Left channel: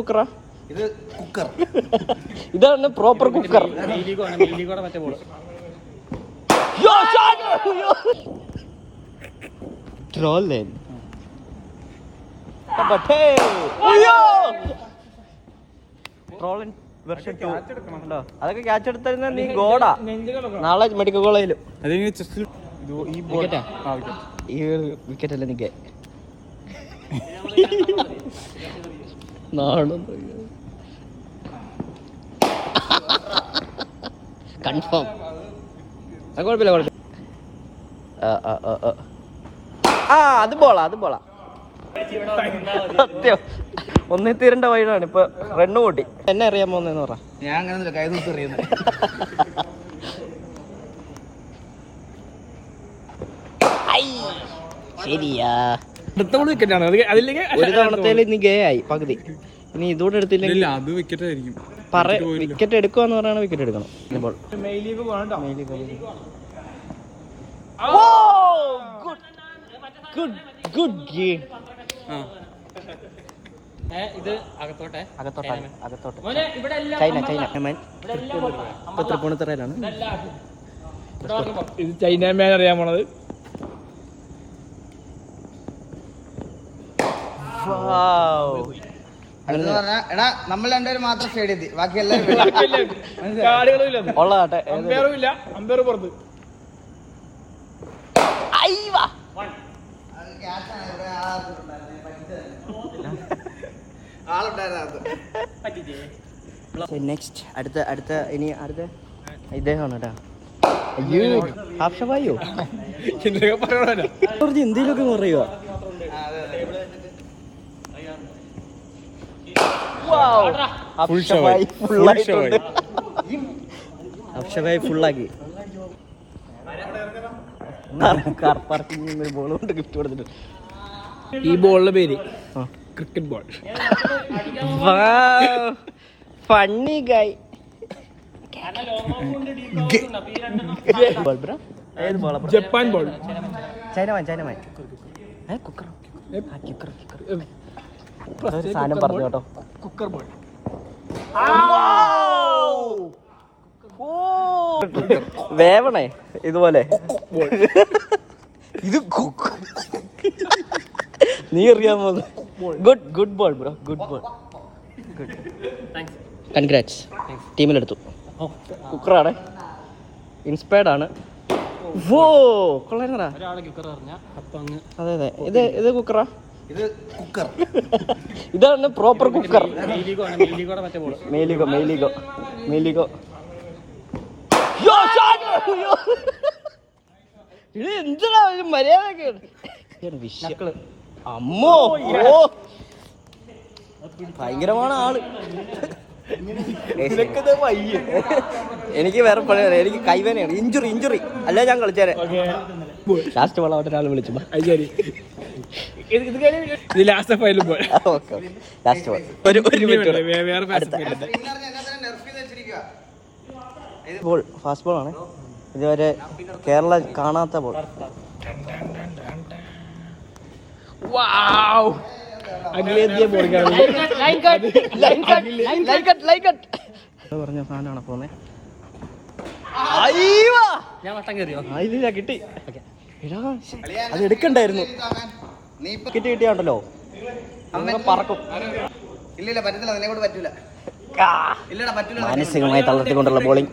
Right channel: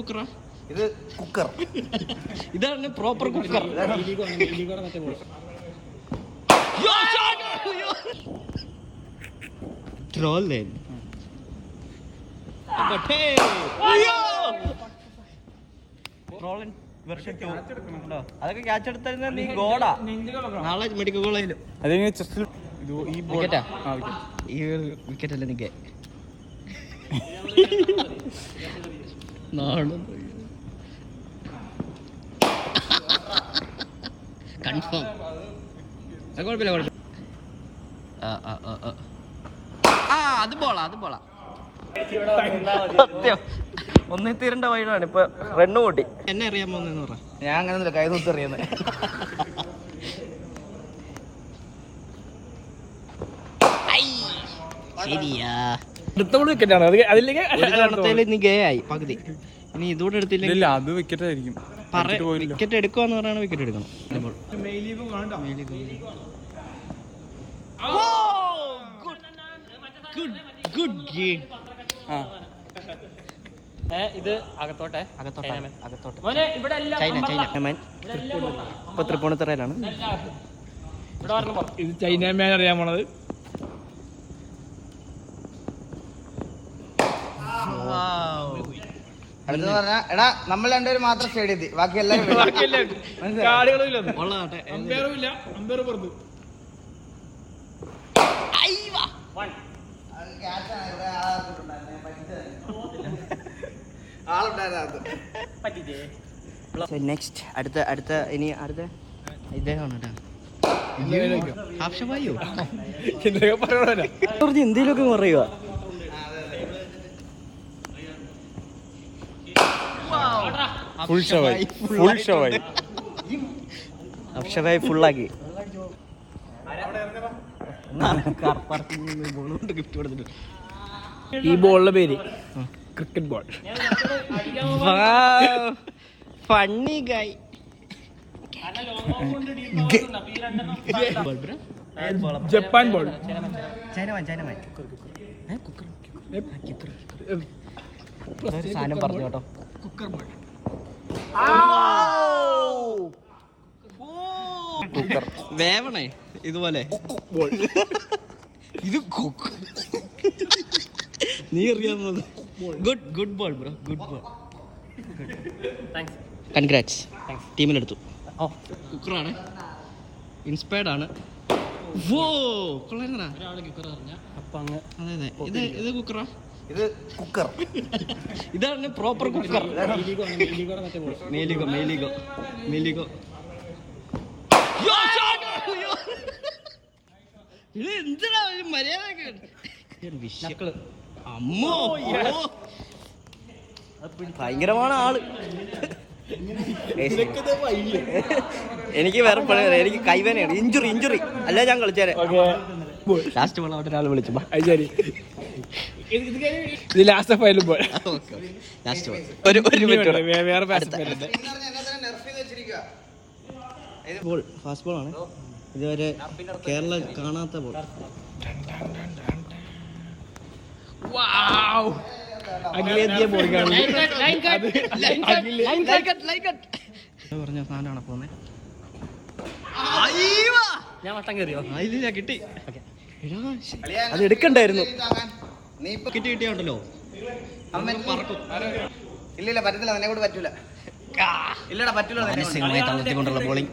കുക്കറാ ഇത് കുക്കർ. ഇതാണ് proper cooker. അതൊക്കെ ക്യാച്ച് എടുത്തിരുന്ന നീ ഗോഡാ. നാളെ മെഡിക്കൽ കോളേജിലും ഈ വിക്കറ്റ് അല്ലേ നിക്ക് കൺഫേം. കുഴപ്പമില്ല കുഴപ്പമില്ല. അത് ബോളാ. ഒന്നേ തീരേണ്ട വഴിയാണ് ഇപ്പൊ. റണ്ണ് കൂട്ടി. എന്നെ അറിയാൻ പോകുന്നതെന്ന് പറ. ഞാൻ അങ്ങനെ കൈ തൂത്ത് അറിയുന്നത്. ശരിയാ. അടുത്ത നീ ഗേ ആയി പകുതി. ഇനി ഇതോടെ എടുത്തില്ല അത് വിക്കറ്റ് ആയിരിക്കും. വിക്കറ്റ് എടുക്കുവാന്ന് പറയണ വിക്കറ്റ് എടുക്കണം. Good game. ഇത് അകത്തോട്ടെ ചൈന ഇപ്പൊ തൃപ്പൂണിത്തുറയിലാണ്. ഇത് ചൈനമാൻ അറിയാൻ പോണത്. അടുത്തെന്ന് പറഞ്ഞാ എടാ നമ്മൾ രണ്ടുപേരും മാത്രം സ്റ്റേഡിയത്തിൽ, ബാക്കി എല്ലാവരും ഉള്ളതാട്ടെ. അമ്പയർ പുറത്ത്. നെക്സ്റ്റ് അടുത്ത ഇനി അടുത്ത ഇദ്ദേഹമാണ് കേട്ടോ. ഹാഫ്ഷവായോ എന്തേലൊക്കെ പറയുക. അക്ഷരായി ഫുള്ളാക്കി ബോൾ കൊണ്ട് ഗിഫ്റ്റ് കൊടുത്തിട്ട്. ഈ ബോളിന്റെ പേര് cricket ball. Funny guy. Japan ball. Chinaman സാധനം പറഞ്ഞു കേട്ടോ. Cooker ball. വേവണേ ഇതുപോലെ. ഇത് നീ അറിയാമോ? Good ball bro. Good ball. Congrats. ടീമിലെടുത്തു. കുക്കറാണ്. ഇൻസ്പയർഡ് ആണ്. ഓ കൊള്ളായിരുന്നടാ. അതെ ഇത് കുക്കറാ. ഇത് കുക്കർ. ഇതാണ് പ്രോപ്പർ കുക്കർ. മെയിലിഗോ. ഇത് എന്താ മര്യാദ. അമ്മോ ഭയങ്കരമാണ് ആള്. എനിക്ക് വേറെ പണി പറയാം. എനിക്ക് കൈവേനയാണ്. ഇഞ്ചുറി അല്ല ഞാൻ കളിച്ചേരെ. ലാസ്റ്റ് വള ഒരാൾ വിളിച്ചു. Last final ball. ലാസ്റ്റ് ഒരു ബോൾ ഫാസ്റ്റ് ബോൾ ആണ്. ഇതുവരെ കേരള കാണാത്ത ബോൾ. പറഞ്ഞ സാധനമാണ് പോന്നെ. ഞാൻ വട്ടം കയറിയോ? ഇല്ല കിട്ടി. അത് എടുക്കണ്ടായിരുന്നു. കിട്ടിയാണ്ടല്ലോ പറക്കും. ഇല്ല പറ്റത്തില്ല, നിന്നെ കൊണ്ട് പറ്റൂല. ഇല്ലടാ പറ്റൂല. മാനസികമായി തളർത്തിക്കൊണ്ടുള്ള ബോളിംഗ്.